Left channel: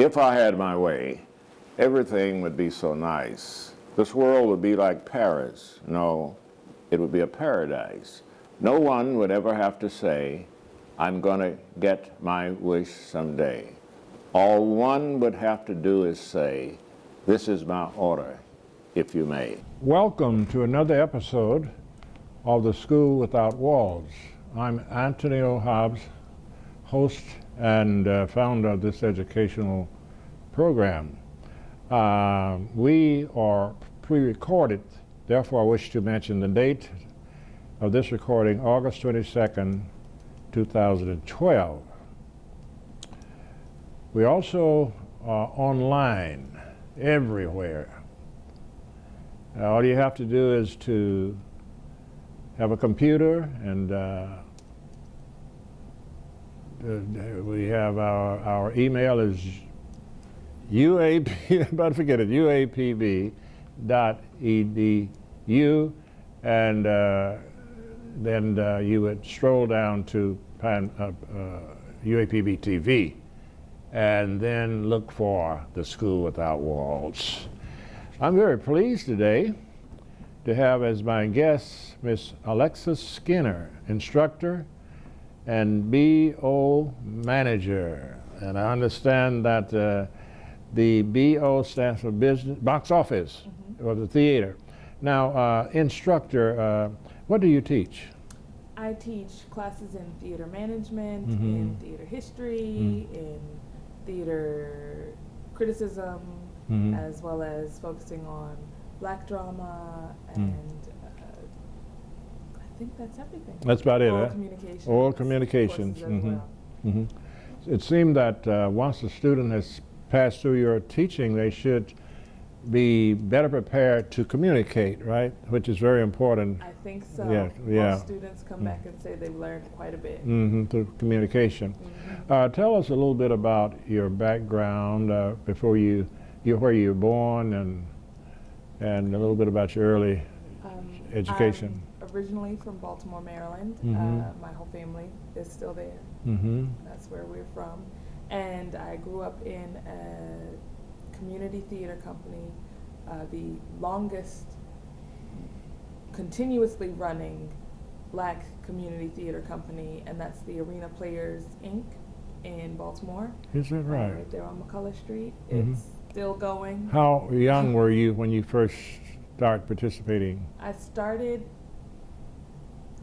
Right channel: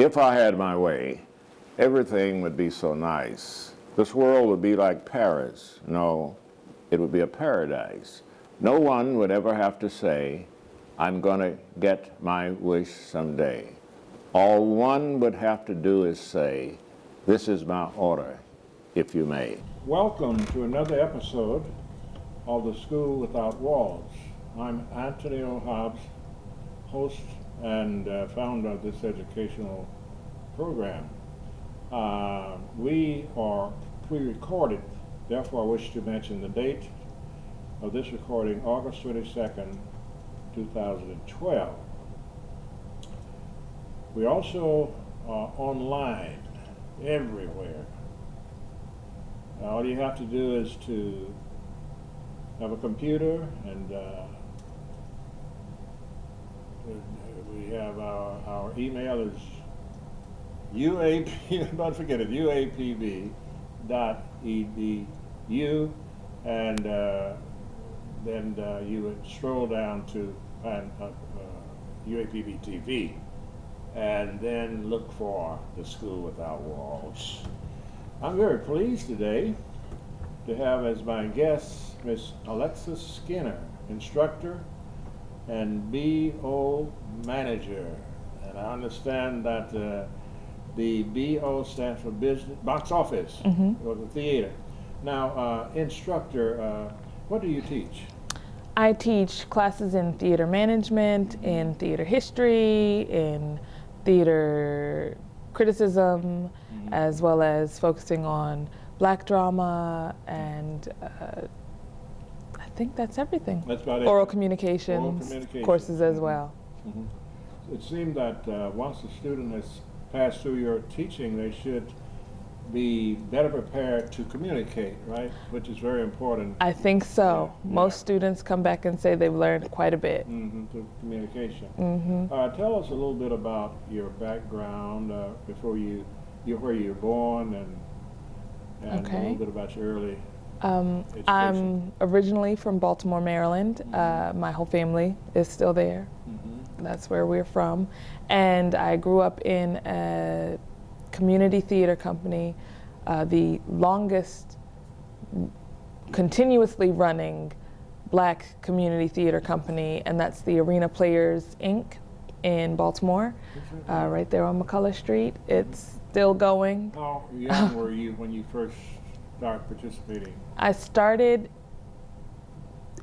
If I had my way, everything would be so nice. This world would be like Paris. No, it would be a paradise. No one would ever have to say, I'm going to get my wish someday. All one would have to do is say, this is my order, if you may. Welcome to another episode of The School Without Walls. I'm Antonio Hobbs, host and founder of this educational program. We are pre-recorded, therefore I wish to mention the date of this recording, August 22nd, 2012. We also are online everywhere. All you have to do is to have a computer, and we have our email is UAP, about to forget it, uapb.edu, and then you would stroll down to UAPB TV, and then look for The School Without Walls. I'm very pleased today to have as my guest Miss Alexis Skinner, instructor and BO manager. And I understand that the BO stands for business, box office, or the theater. Now, instructor, what do you teach? I teach classes in theater management, in theater history, in theater criticism, as well as focusing on Black drama, and I think that's everything. That's about it. Oral communications courses as well. It seemed that once a student has passed through your teaching, they should be better prepared to communicate, right? Which is very important. I think so. Yeah, Most students come back and say they've learned quite a bit. Through communication. Tell us a little bit about your background before where you were born, and a little bit about your early education. I'm originally from Baltimore, Maryland. My whole family is still there. That's where we're from. And I grew up in a community theater company, the longest continuously running Black community theater company, and that's the Arena Players, Inc. in Baltimore. Is that right? Right there on McCullough Street. It's still going. How young were you when you first started participating? I started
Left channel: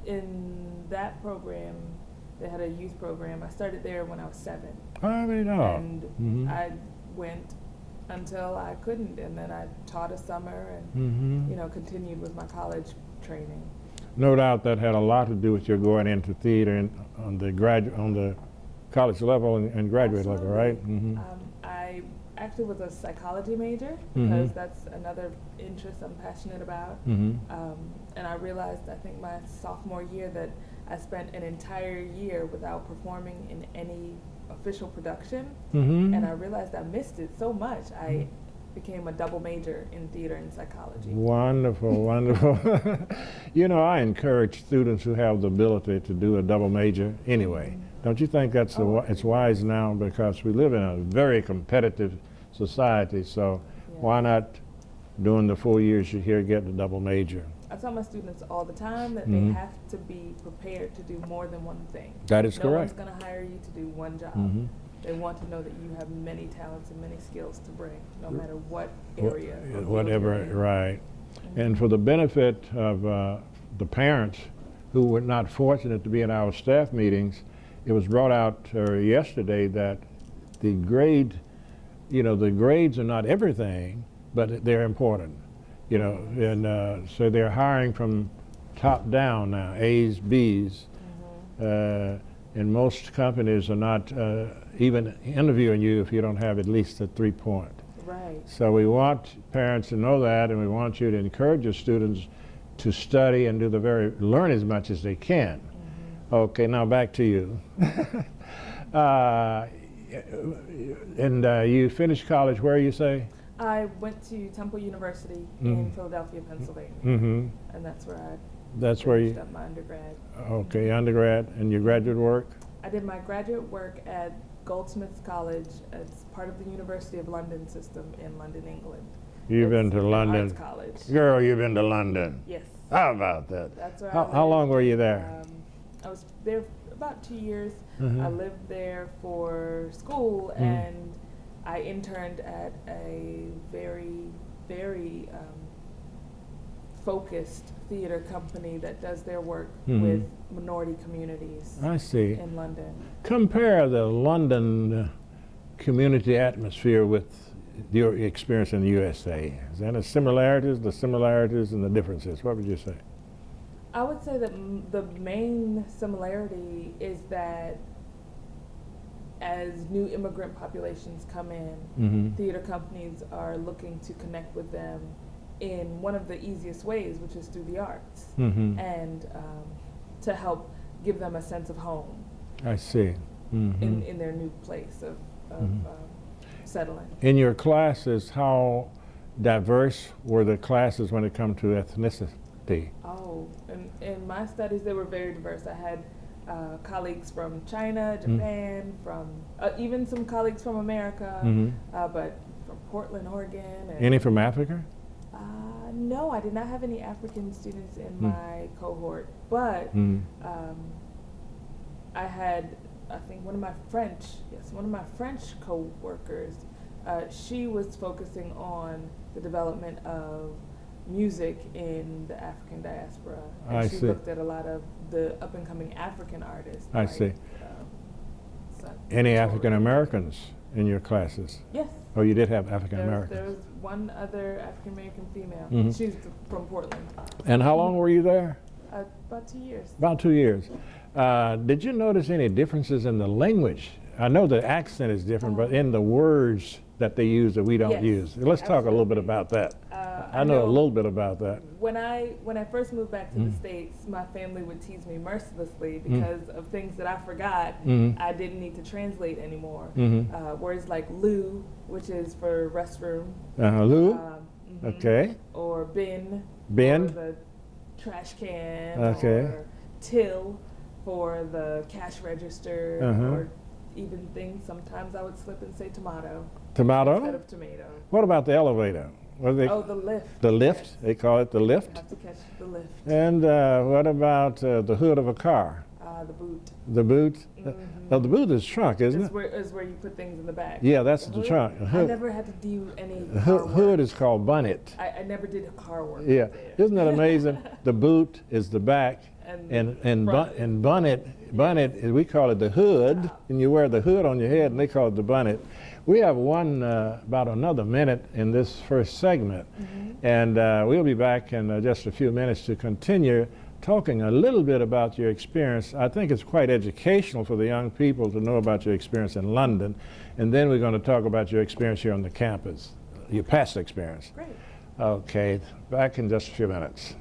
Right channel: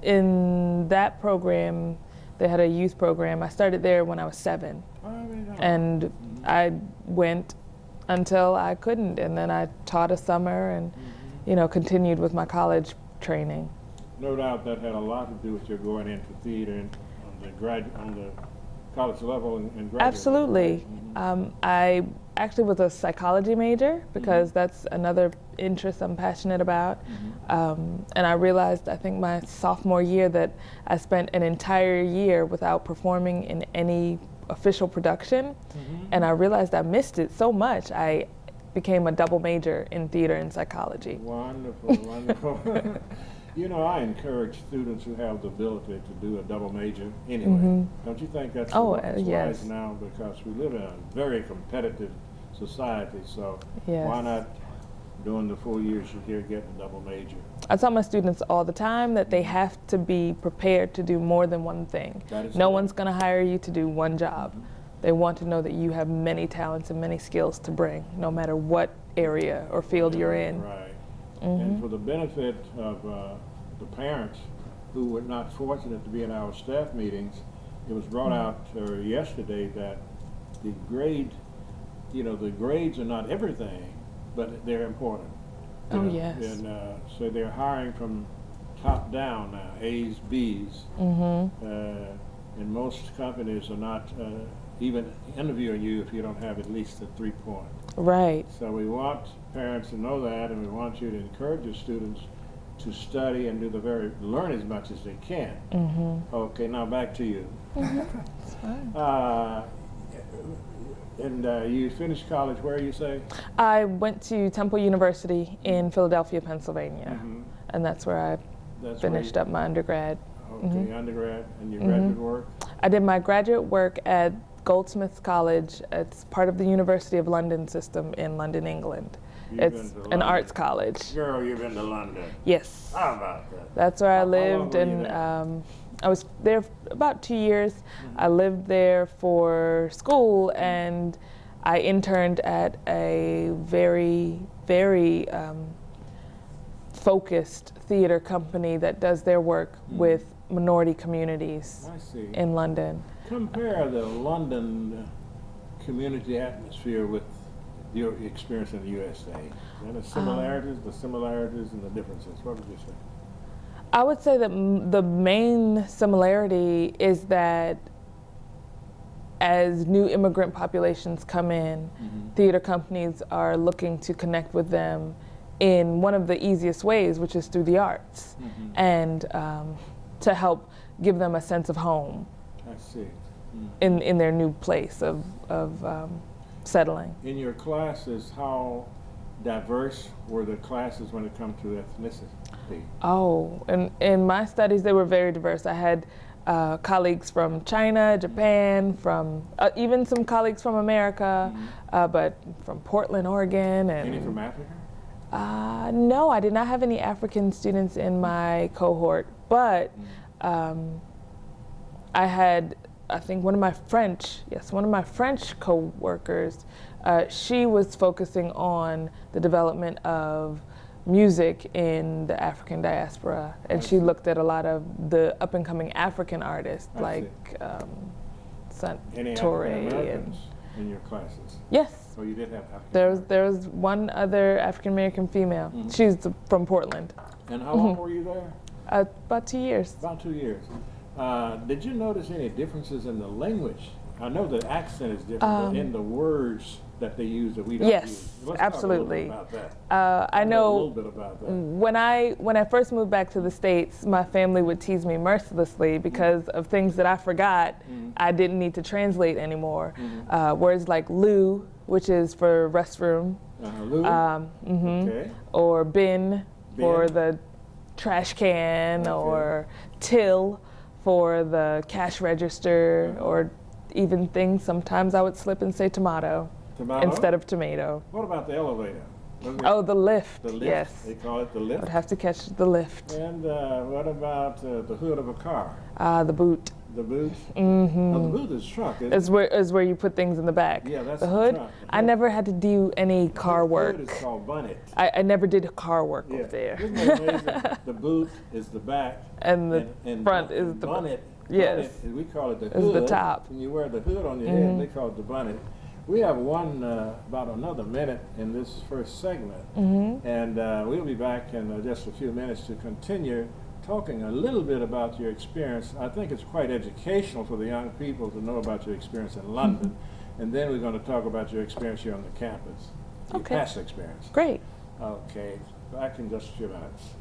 in that program. They had a youth program. I started there when I was 7. And I went until I couldn't, and then I taught a summer and continued with my college training. No doubt that had a lot to do with your going into theater and on the college level and graduate Absolutely. level, right? I actually was a psychology major because that's another interest I'm passionate about. And I realized, I think my sophomore year, that I spent an entire year without performing in any official production, and I realized I missed it so much. I became a double major in theater and psychology. Wonderful, wonderful. You know, I encourage students who have the ability to do a double major anyway. Don't you think that's it's wise now, because we live in a very competitive society, so why not during the 4 years you're here get the double major? I tell my students all the time that they have to be prepared to do more than one thing. That is No correct. one's going to hire you to do one job. They want to know that you have many talents and many skills to bring, no matter what area or field you're in. Right. And for the benefit of the parents who were not fortunate to be in our staff meetings, it was brought out yesterday that the grades are not everything, but they're important. You know, and so they're hiring from top down now, A's, B's, and most companies are not even interviewing you if you don't have at least a 3-point. Right. So we want parents to know that, and we want you to encourage your students to study and learn as much as they can. Okay, now back to you. And you finished college where, you say? I went to Temple University in Philadelphia, Pennsylvania, and that's where I finished up my undergrad. Okay, undergrad, and your graduate work? I did my graduate work at Goldsmiths College. It's part of the University of London system in London, England. You've been It's to an London. arts college. Girl, you've been to London. Yes. How about that? That's where I lived. How long were you there? I was there about 2 years. Mm-hmm. I lived there for school, and I interned at a very, very focused theater company that does their work with minority communities I see. in London. Compare the London community atmosphere with your experience in the USA. Is there any similarities, the similarities and the differences? What would you say? I would say that the main similarity is that as new immigrant populations come in, theater companies are looking to connect with them in one of the easiest ways, which is through the arts, and to help give them a sense of home. I see. In their new place of settling. In your classes, how diverse were the classes when it comes to ethnicity? Oh, and in my studies, they were very diverse. I had colleagues from China, Japan, from even some colleagues from America, but from Portland, Oregon. And, Any from Africa? no, I did not have any African students in my cohort, but I had, I think one of my French co-workers, she was focusing on the development of music in the African diaspora, and she looked at a lot of the up-and-coming African artists, Any African Americans in your classes? Yes. Oh, you did have African Americans. There was one other African American female. She's from Portland. And how long were you there? About 2 years. About 2 years. Did you notice any differences in the language? I know the accent is different, but in the words that they use that we don't use. Let's talk a little bit about that. I know a little bit about that. When I first moved back to the States, my family would tease me mercilessly because of things that I forgot I didn't need to translate anymore. Words like loo, which is for restroom. Loo? Okay. Or bin, for the trash can, or till for the cash register, or even things, sometimes I would slip and say tomato. Tomato? Instead of tomato. What about the elevator? Oh, the lift. The lift? Yes. They call it the lift? Would have to catch the lift. And what about the hood of a car? The boot. The boot? No, the boot is trunk, isn't it? Is where you put things in the back. Yeah, that's the hood. trunk. I never had to do any car work. The hood is called bonnet. I never did car work there. Isn't that amazing? The boot is the back, and front is the bonnet. Yes. Bonnet, we call it the hood. The top. And you wear the hood on your head, and they call it the bonnet. We have about another minute in this first segment, and we'll be back in just a few minutes to continue talking a little bit about your experience. I think it's quite educational for the young people to know about your experience in London, and then we're going to talk about your experience here on the campus, your past experience. Great. Okay, back in just a few minutes.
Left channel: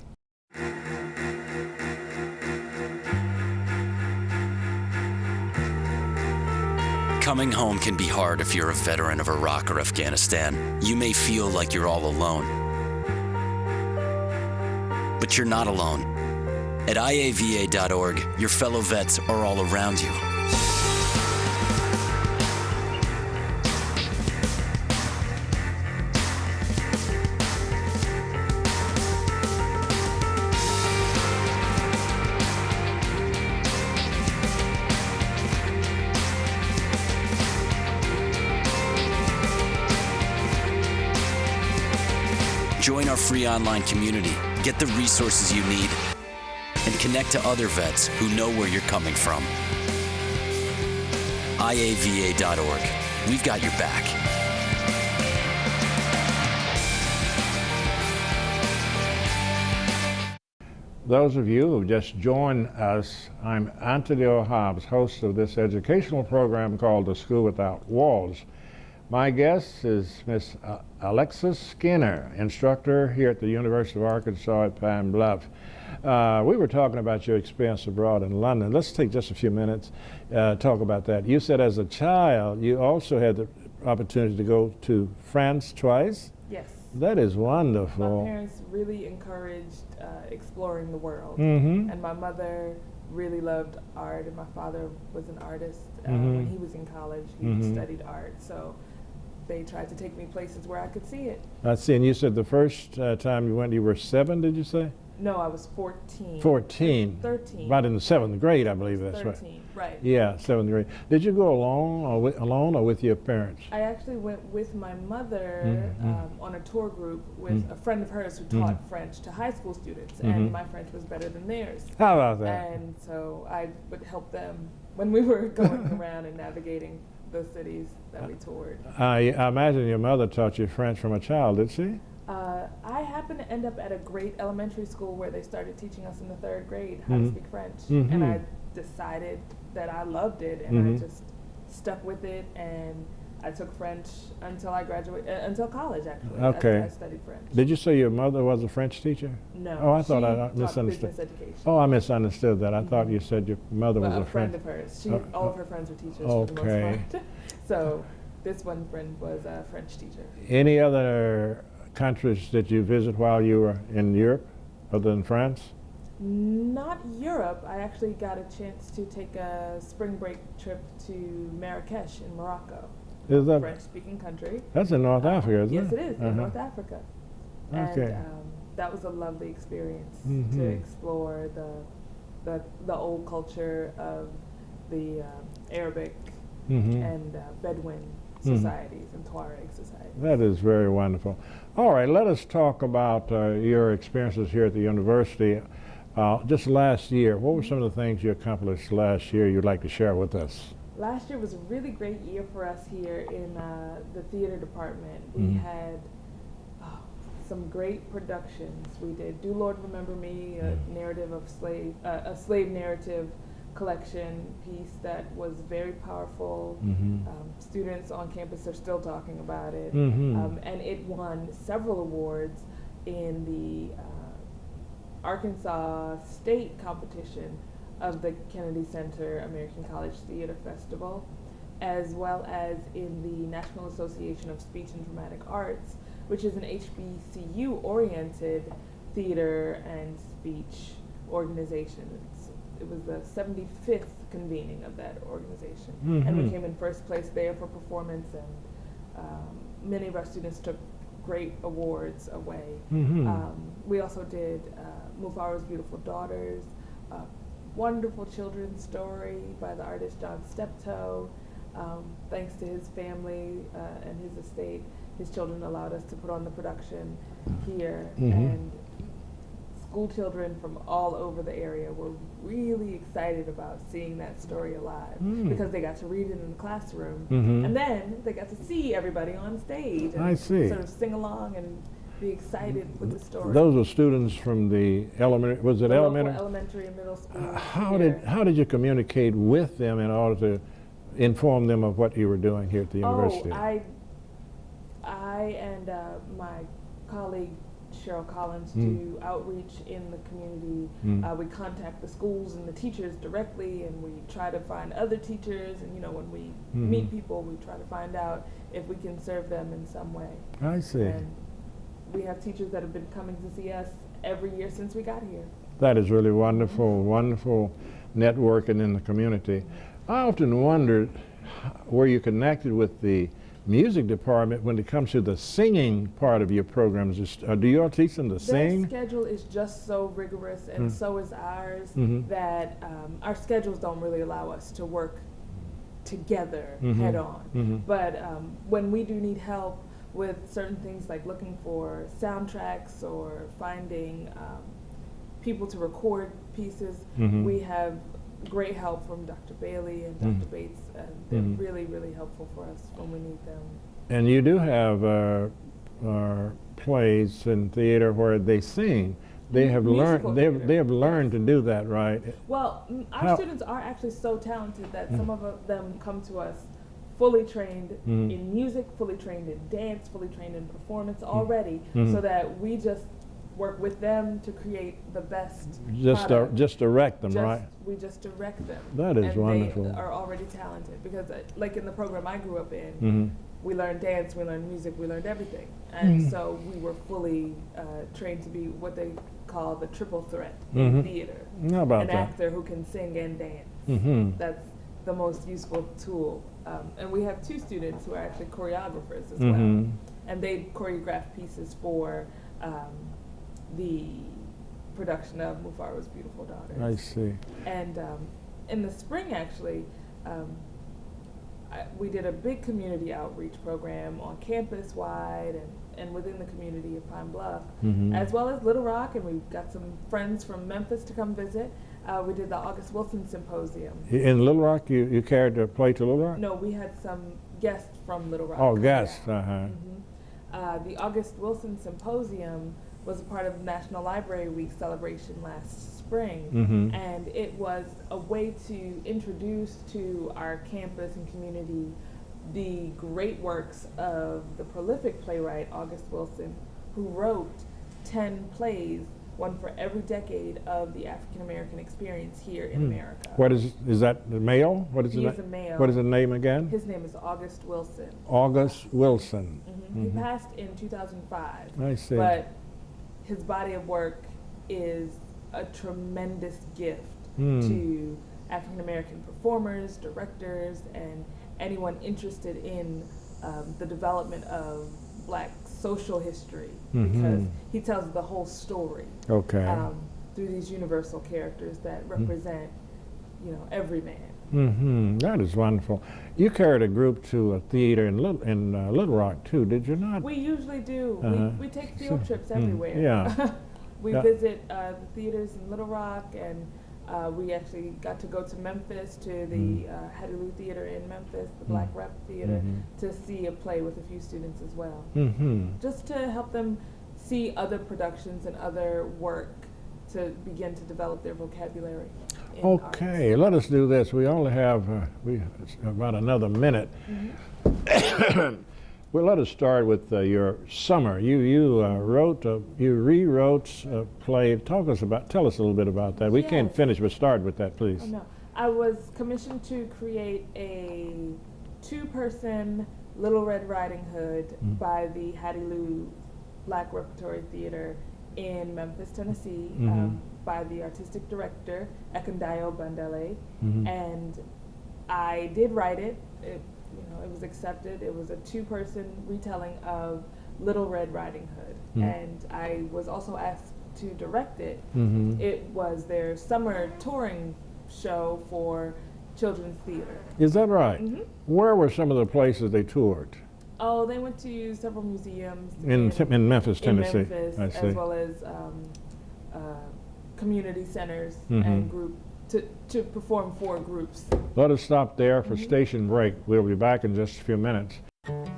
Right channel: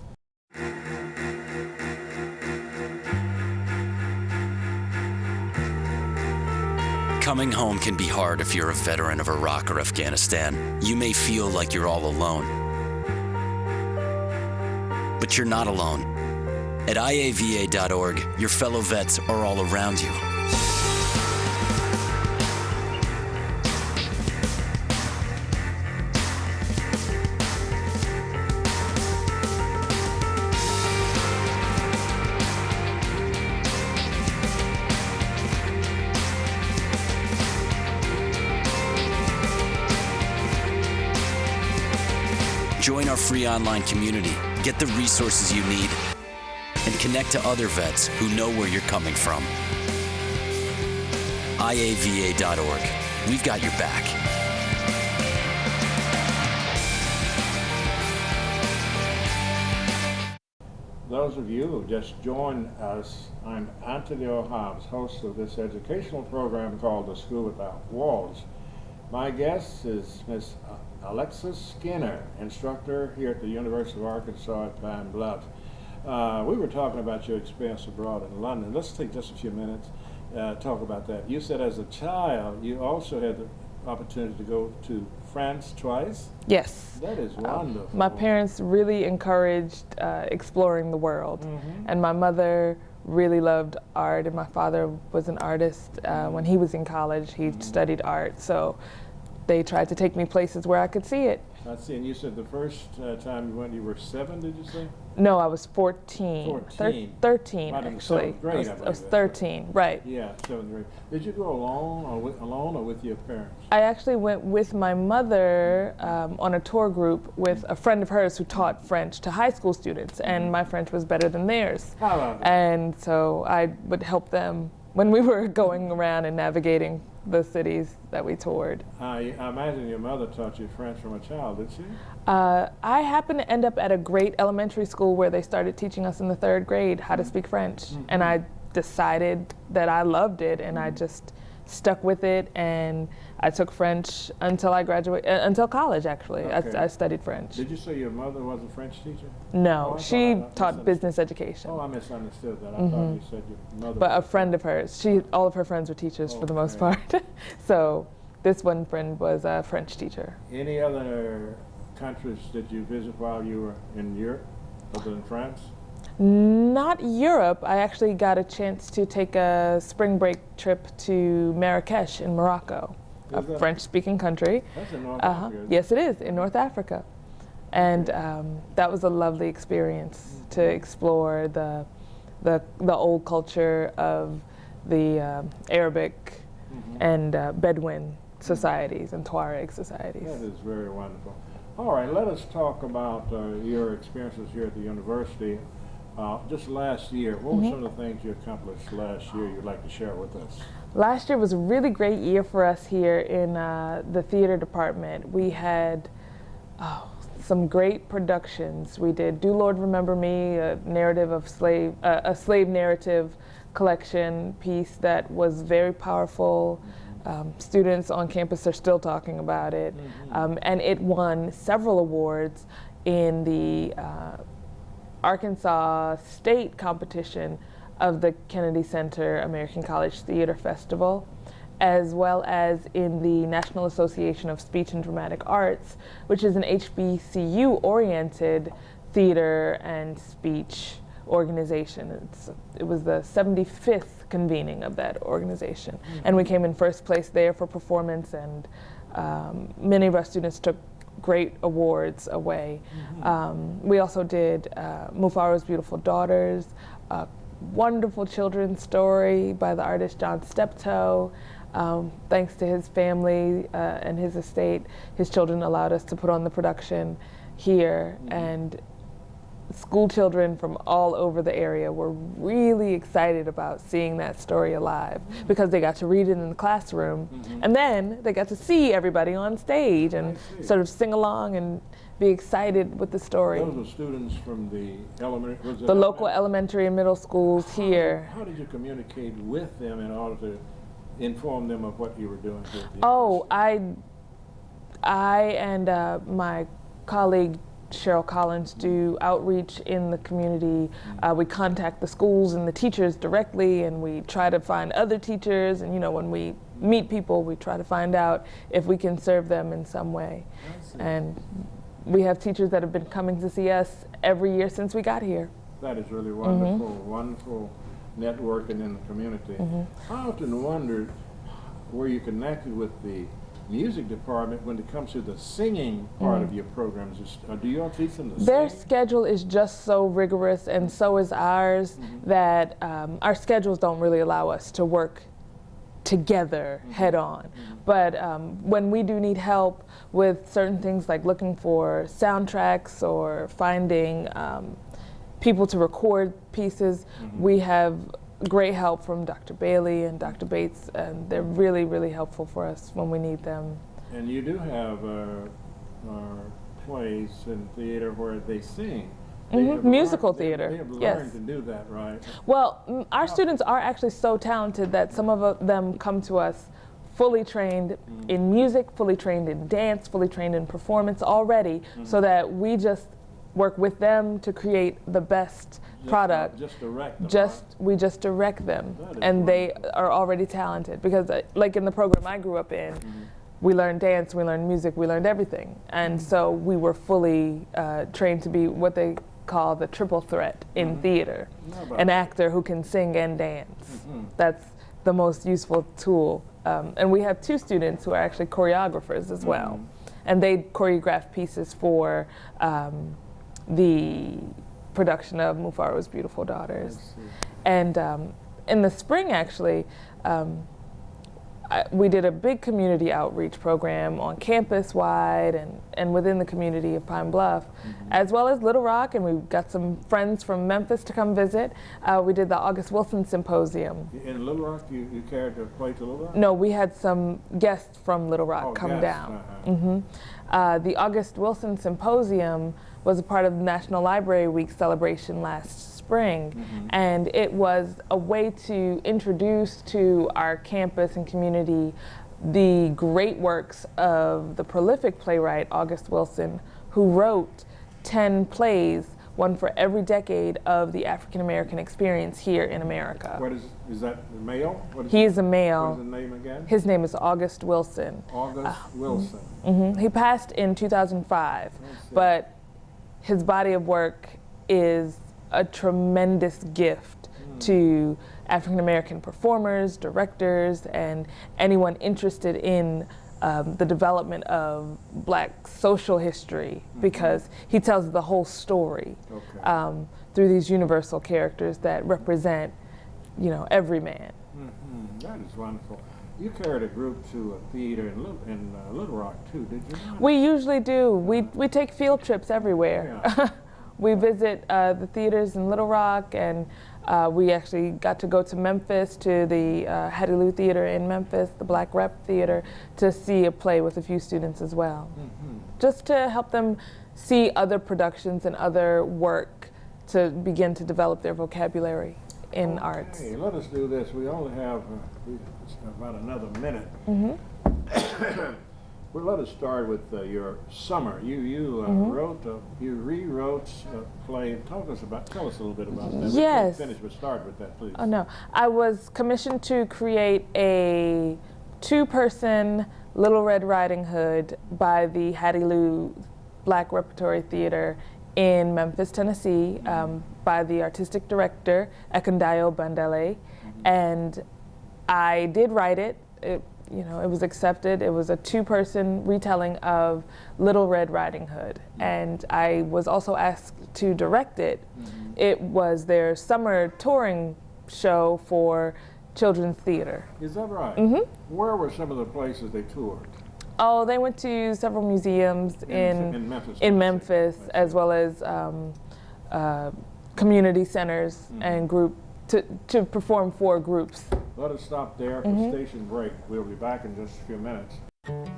Coming home can be hard if you're a veteran of Iraq or Afghanistan. You may feel like you're all alone. But you're not alone. At iava.org, your fellow vets are all around you. Join our free online community, get the resources you need, and connect to other vets who know where you're coming from. iava.org. We've got your back. Those of you who just joined us, I'm Anthony Hobbs, host of this educational program called The School Without Walls. My guest is Miss Alexis Skinner, instructor here at the University of Arkansas at Pine Bluff. We were talking about your experience abroad in London. Let's take just a few minutes talk about that. You said as a child you also had the opportunity to go to France twice? Yes. That is wonderful. My parents really encouraged exploring the world, and my mother really loved art, and my father was an artist. When he was in college, he studied art, so they tried to take me places where I could see it. I see, and you said the first time you went, you were 7, did you say? No, I was 14. 14. 13. Right in the 7th grade, I I believe was that's 13, right. Yeah, 7th grade. Did you go alone or with your parents? I actually went with my mother on a tour group with a friend of hers who taught French to high school students, and my French was better than theirs. How about that? And so I would help them when we were going around and navigating the cities that we toured. I imagine your mother taught you French from a child, did she? I happened to end up at a great elementary school where they started teaching us in the 3rd grade how to speak French. And I decided that I loved it, and I just stuck with it, and I took French until I graduated, until college actually. Okay. I studied French. Did you say your mother was a French teacher? No, I she thought taught business education. Oh, I misunderstood that. I thought you said your mother was But a friend of hers. All of her friends were teachers for the most part. So this one friend was a French teacher. Any other countries that you visit while you were in Europe, other than France? Not Europe. I actually got a chance to take a spring break trip to Marrakesh in Morocco, a French-speaking country. That's in North Africa, isn't it? Yes, it is, in North Africa. And that was a lovely experience to explore the old culture of the Arabic and Bedouin societies and Tuareg societies. That is very wonderful. All right, let us talk about your experiences here at the university. Just last year, what were some of the things you accomplished last year you'd like to share with us? Last year was a really great year for us here in the theater department. We had some great productions. We did Do Lord Remember Me, a narrative of a slave narrative collection piece that was very powerful. Students on campus are still talking about it. And it won several awards in the Arkansas State competition of the Kennedy Center American College Theater Festival, as well as in the National Association of Speech and Dramatic Arts, which is an HBCU-oriented theater and speech organization. It was the 75th convening of that organization. And we came in first place there for performance, and many of our students took great awards away. We also did Mufaro's Beautiful Daughters, a wonderful children's story by the artist John Steptoe. Thanks to his family and his estate, his children allowed us to put on the production here, and school children from all over the area were really excited about seeing that story alive because they got to read it in the classroom, and then they got to see everybody on stage and sort of sing along and be excited with the story. Those were students from the elementary, was it the elementary? Local elementary and middle schools here. How did you communicate with them in order to inform them of what you were doing here at the university? I and my colleague Cheryl Collins do outreach in the community. We contact the schools and the teachers directly, and we try to find other teachers, and when we meet people, we try to find out if we can serve them in some way. I see. And we have teachers that have been coming to see us every year since we got here. That is really wonderful, wonderful networking in the community. I often wondered, were you connected with the music department when it comes to the singing part of your programs? Do you all teach them to Their sing? schedule is just so rigorous, and so is ours, that our schedules don't really allow us to work together head on. But when we do need help with certain things like looking for soundtracks or finding people to record pieces, we have great help from Dr. Bailey and Dr. Bates, and they're really, really helpful for us when we need them. And you do have plays in theater where they sing. They have musical learned, theater. They have learned Yes. to do that, right? Well, our students are actually so talented that some of them come to us fully trained in music, fully trained in dance, fully trained in performance already, so that we just work with them to create the best product. Just direct them, right? We just direct them. That is and wonderful. They are already talented because like in the program I grew up in, we learned dance, we learned music, we learned everything. And so we were fully trained to be what they call the triple threat in theater. How about An that? actor who can sing and dance. That's the most useful tool. And we have 2 students who are actually choreographers as well. And they choreograph pieces for the production of Mufaro's Beautiful Daughters. I see. And in the spring, actually, we did a big community outreach program on campus-wide and within the community of Pine Bluff, as well as Little Rock, and we got some friends from Memphis to come visit. We did the August Wilson Symposium. In Little Rock, you carried a play to Little Rock? No, we had some guests from Little Rock come down. The August Wilson Symposium was a part of the National Library Week celebration last spring, and it was a way to introduce to our campus and community the great works of the prolific playwright August Wilson, who wrote 10 plays, one for every decade of the African American experience here in America. What is that the male? What is He the is a male. What is the name again? His name is August Wilson. August Wilson. He passed in 2005, I see. but his body of work is a tremendous gift to African American performers, directors, and anyone interested in the development of Black social history, because he tells the whole story through these universal characters that represent, you know, every man. That is wonderful. You carried a group to a theater in Little Rock too, did you not? We usually do. We take field trips everywhere. Yeah. We visit the theaters in Little Rock, and we actually got to go to Memphis, to the Hattie Lou Theater in Memphis, the Black Rep Theater, to see a play with a few students as well. Just to help them see other productions and other work to begin to develop their vocabulary in arts. Okay, let us do this. We only have about another minute. Well, let us start with your summer. You rewrote a play. Tell us a little bit about that. We can't finish, but start with that, please. Oh no, I was commissioned to create a 2-person Little Red Riding Hood by the Hattie Lou Black Repertory Theater in Memphis, Tennessee, by the artistic director Ekundayo Bandele, and I did write it. You know, it was accepted. It was a 2-person retelling of Little Red Riding Hood, and I was also asked to direct it. It was their summer touring show for children's theater. Is that right? Where were some of the places they toured? Oh, they went to several museums in Memphis, Tennessee. In Memphis, as well as community centers and to perform for groups. Let us stop there for station break. We'll be back in just a few minutes.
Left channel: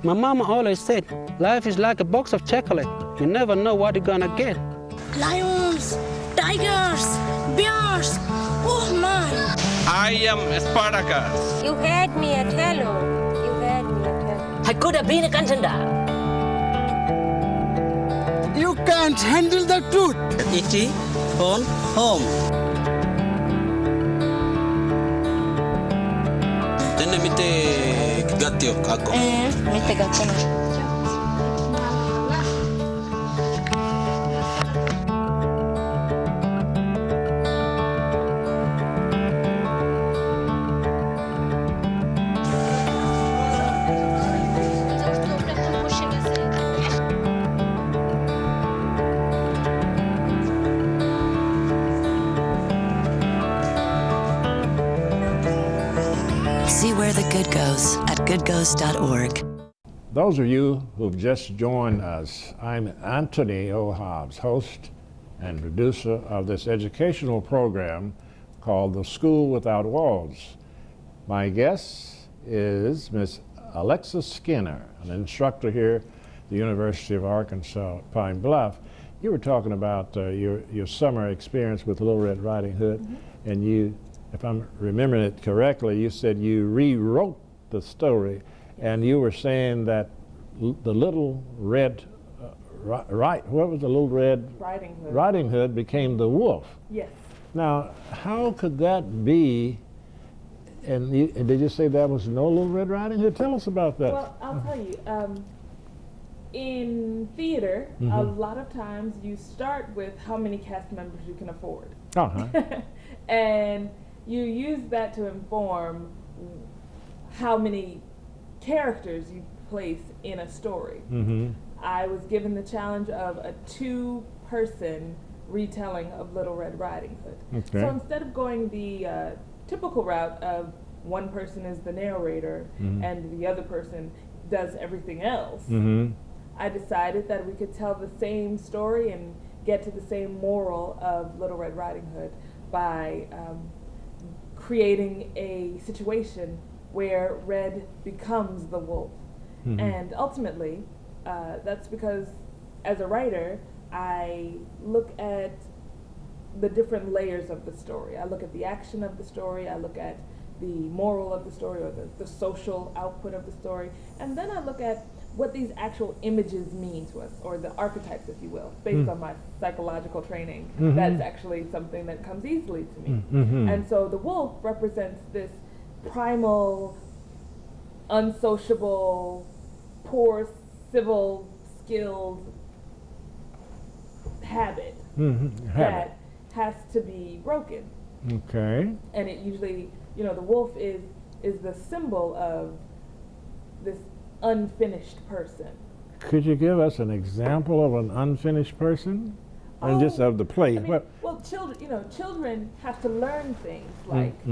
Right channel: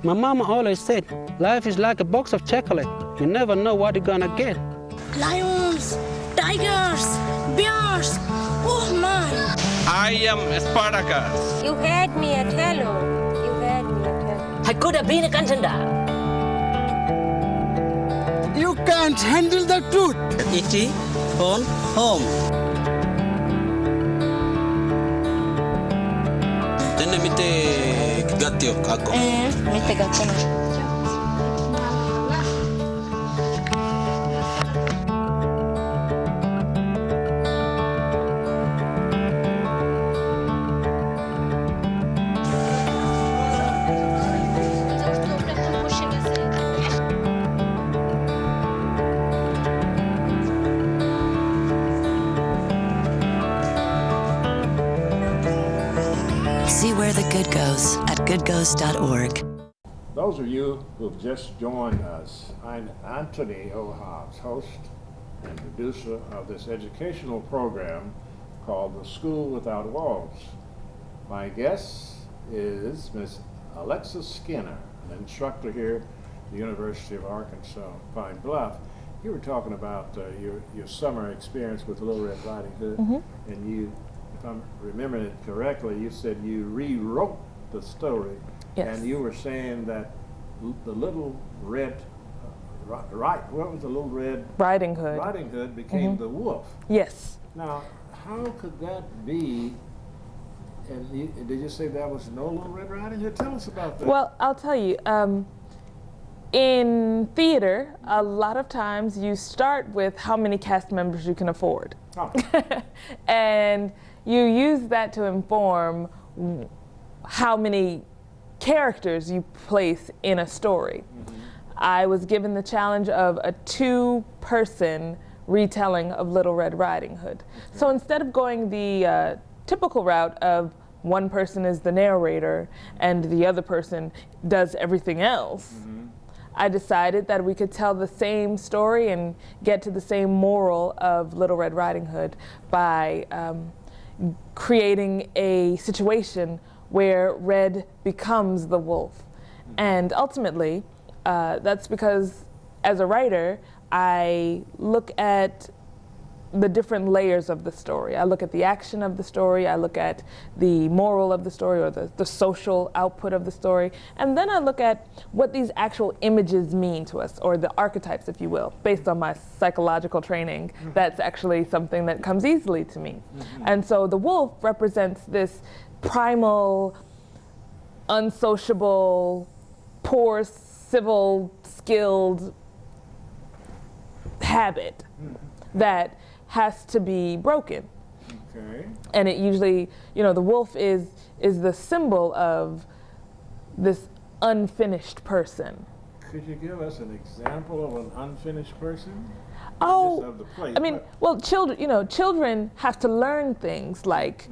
My mama always said, life is like a box of chocolate. You never know what you're gonna get. Lions, tigers, bears, oh my! I am Spartacus. You had me at hello. You had me at hello. I could have been a contender. You can't handle the truth. E.T. on home. Mite gatio kako. Mite gatio. See where the good goes at goodgoes.org. Those of you who've just joined us, I'm Anthony O. Hobbs, host and producer of this educational program called The School Without Walls. My guest is Miss Alexis Skinner, an instructor here at the University of Arkansas, Pine Bluff. You were talking about your summer experience with Little Red Riding Hood, and you, if I'm remembering it correctly, you said you rewrote the story, and you were saying that the Little Red, what was the Little Red? Riding Hood. Riding Hood became the wolf. Yes. Now, how could that be? And did you say that was no Little Red Riding Hood? Tell us about that. Well, I'll tell you. In theater, a lot of times you start with how many cast members you can afford. And you use that to inform how many characters you place in a story. I was given the challenge of a 2-person retelling of Little Red Riding Hood. So instead of going the typical route of one person is the narrator and the other person does everything else, I decided that we could tell the same story and get to the same moral of Little Red Riding Hood by creating a situation where Red becomes the wolf. And ultimately, that's because as a writer, I look at the different layers of the story. I look at the action of the story, I look at the moral of the story, or the social output of the story, and then I look at what these actual images mean to us, or the archetypes, if you will. Based on my psychological training, that's actually something that comes easily to me. And so the wolf represents this primal, unsociable, poor, civil, skilled habit that has to be broken. And it usually, you know, the wolf is the symbol of this unfinished person. Could you give us an example of an unfinished person? And just of the play. I mean, well, children, you know, children have to learn things like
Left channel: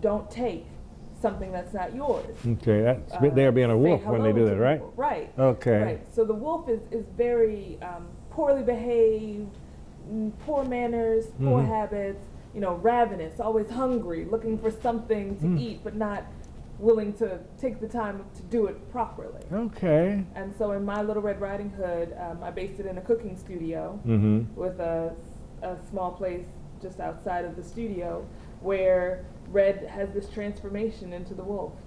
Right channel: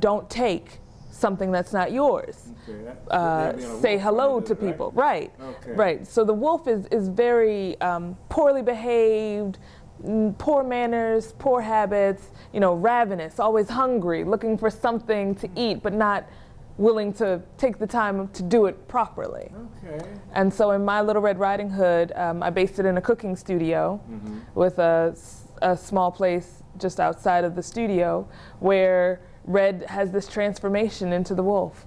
don't take something that's not yours. They're being a wolf say hello when they do to that, people. Right? Right. So the wolf is very poorly behaved, poor manners, poor habits, you know, ravenous, always hungry, looking for something to eat, but not willing to take the time to do it properly. And so in my Little Red Riding Hood, I based it in a cooking studio with a small place just outside of the studio where Red has this transformation into the wolf.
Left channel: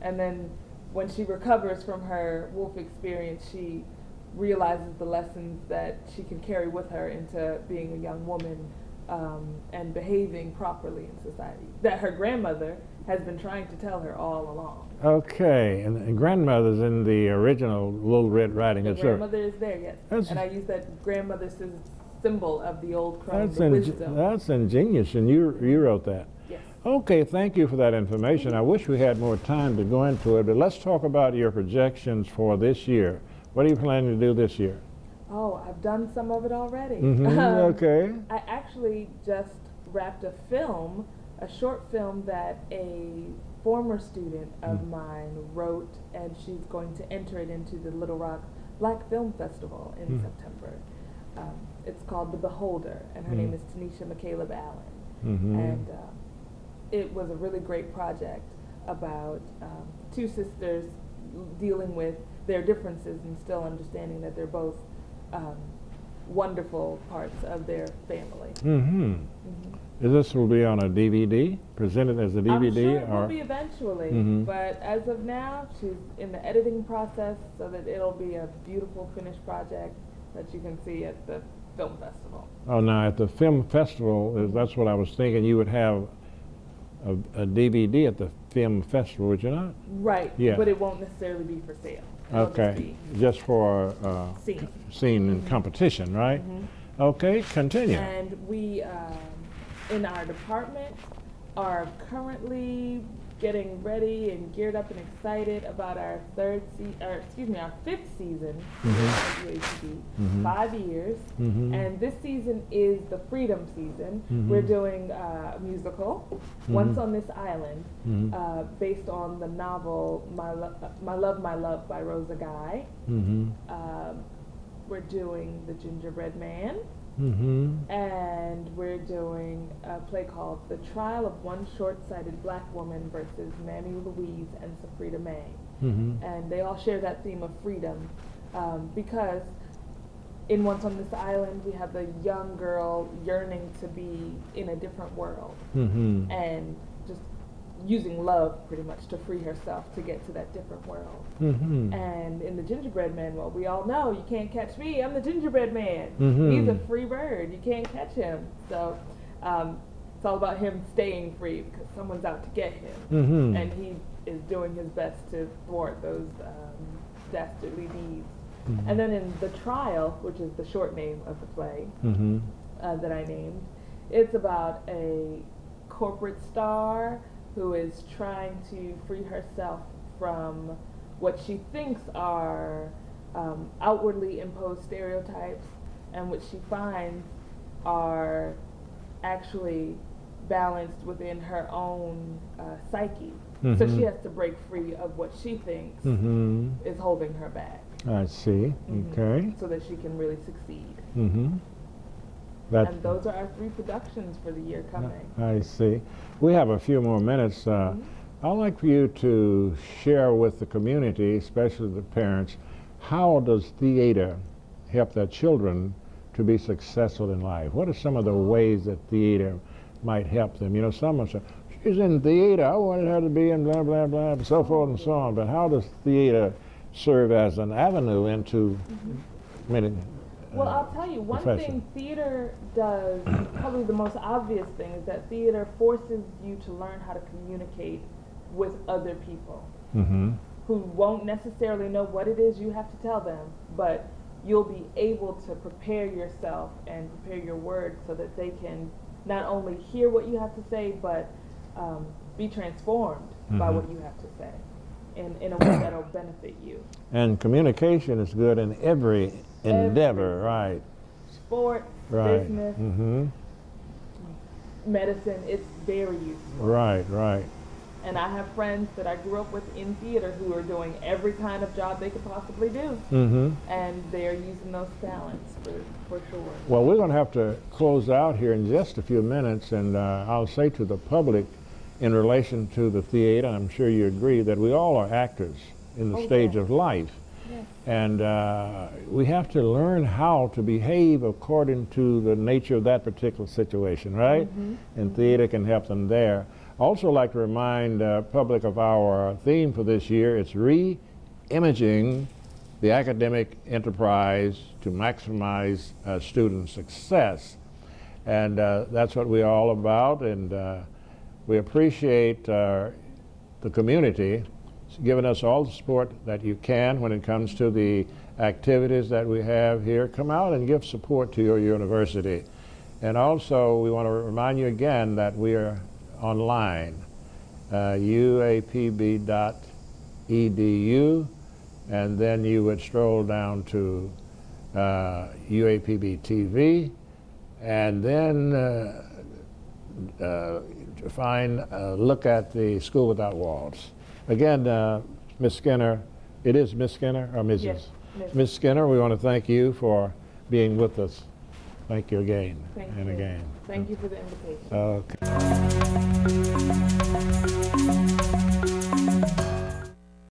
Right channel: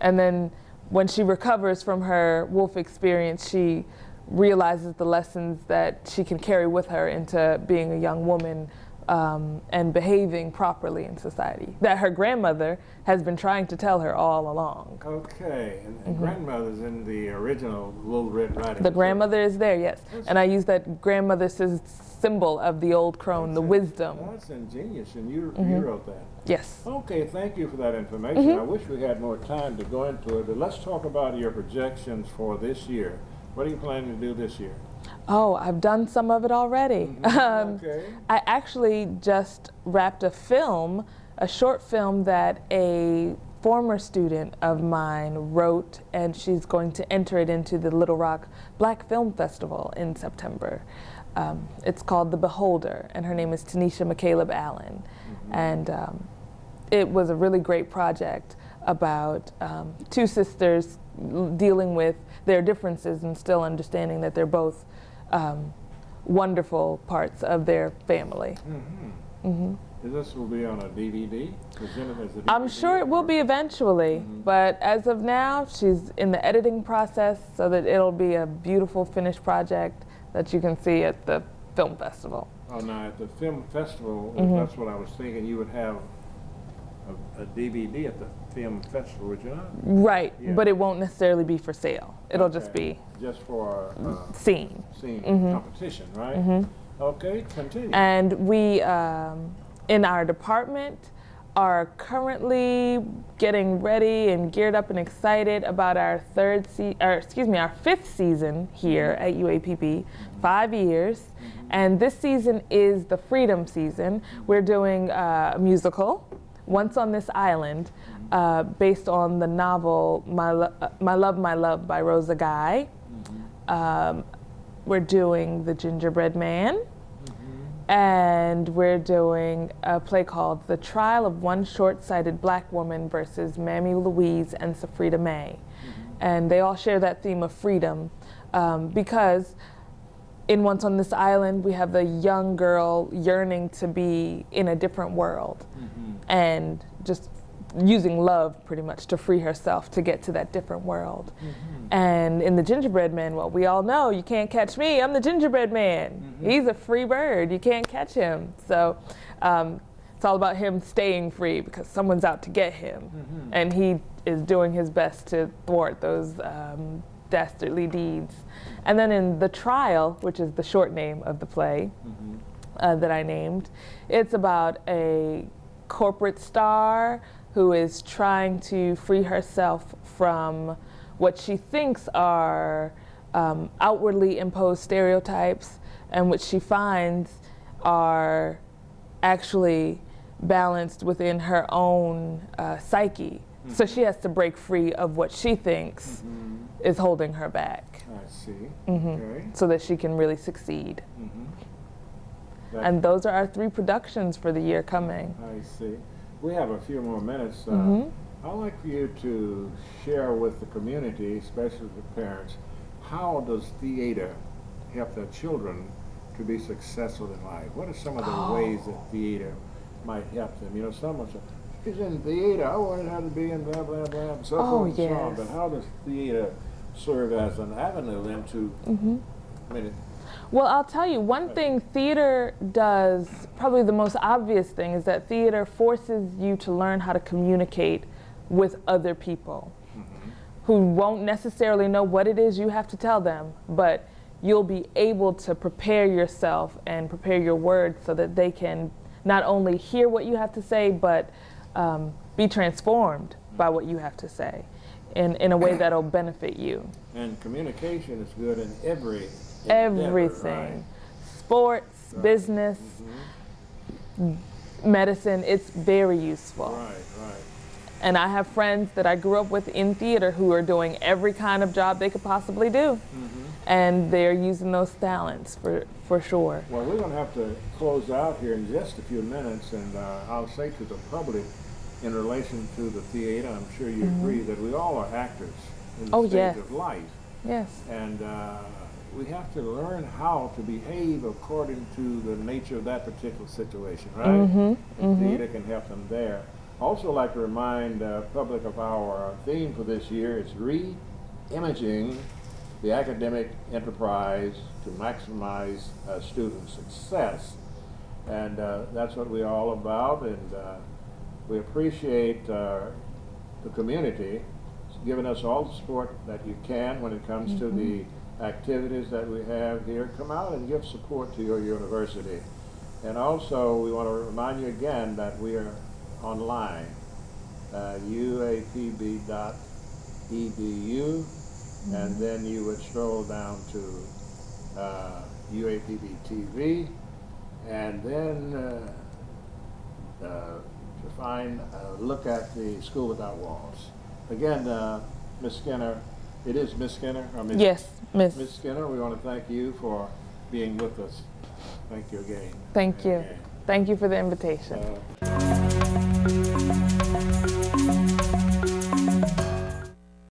And then when she recovers from her wolf experience, she realizes the lessons that she can carry with her into being a young woman and behaving properly in society, that her grandmother has been trying to tell her all along. And grandmother's in the original Little Red Riding Hood. The grandmother is there, yes. And I use that grandmother symbol of the old crone, the wisdom. That's ingenious, and you wrote that. Yes. Okay, thank you for that information. I wish we had more time to go into it, but let's talk about your projections for this year. What are you planning to do this year? Oh, I've done some of it already. I actually just wrapped a short film that a former student of mine wrote, and she's going to enter it into the Little Rock Black Film Festival in September. It's called The Beholder, and her name is Tanisha McCaleb Allen. And it was a really great project about 2 sisters dealing with their differences and still understanding that they're both wonderful parts of their family. This will be on a DVD, presented as a DVD? I'm sure it will be eventually, but as of now, she's in the editing process so that it'll be a beautiful finished project that you can see at the film festival. Oh, now at the film festival, that's what I was thinking, you would have a DVD at the film festival, would you not? Right, but it won't necessarily be for sale. It'll just be just for scene and competition, right? Okay, continue. And we, in our department, are currently getting ready and geared up and excited about our our 5th season here at UAPB, 5 years. And this season is the Freedom season. We're doing a musical, Once on This Island, based on the novel My Love, My Love by Rosa Guy. We're doing The Gingerbread Man. And we're doing a play called The Trial of One Short-Sighted Black Woman versus Mammy Louise and Safrida May. And they all share that theme of freedom because in Once on This Island, we have the young girl yearning to be in a different world and just using love pretty much to free herself to get to that different world. And in The Gingerbread Man, well, we all know, you can't catch me, I'm the gingerbread man. He's a free bird, you can't catch him. So it's all about him staying free because someone's out to get him. And he is doing his best to thwart those dastardly deeds. And then in The Trial, which is the short name of the play that I named, it's about a corporate star who is trying to free herself from what she thinks are outwardly imposed stereotypes, and which she finds are actually balanced within her own psyche. So she has to break free of what she thinks is holding her back. I see. Okay. So that she can really succeed. And those are our 3 productions for the year coming. I see. We have a few more minutes. I'd like for you to share with the community, especially the parents, how does theater help their children to be successful in life? What are some of the ways that theater might help them? You know, someone says, she's in theater, I wanted her to be in blah, blah, blah, and so forth and so on. But how does theater serve as an avenue into many? Well, I'll tell you, one thing theater does, probably the most obvious thing, is that theater forces you to learn how to communicate with other people who won't necessarily know what it is you have to tell them, but you'll be able to prepare yourself and prepare your words so that they can not only hear what you have to say, but be transformed by what you have to say in a way that'll benefit you. And communication is good in every endeavor, everything. right? Sports, business, medicine, it's very useful. Right, right. And I have friends that I grew up with in theater who are doing every kind of job they could possibly do. And they're using those talents for sure. Well, we're going to have to close out here in just a few minutes, and I'll say to the public in relation to the theater, I'm sure you agree that we all are actors in the stage of life. Yes. And we have to learn how to behave according to the nature of that particular situation, right? And theater can help them there. I also like to remind public of our theme for this year. It's re-imaging the academic enterprise to maximize student success. And that's what we're all about. And we appreciate the community giving us all the support that you can when it comes to the activities that we have here. Come out and give support to your university. And also, we want to remind you again that we are online, uapb.edu, and then you would stroll down to UAPB TV, and then to look at the School Without Walls. Again, Ms. Skinner, it is Ms. Skinner or Ms. Yes, Ms. Ms. Skinner, we want to thank you for being with us. Thank you again. Thank you. Thank you for the invitation. Okay.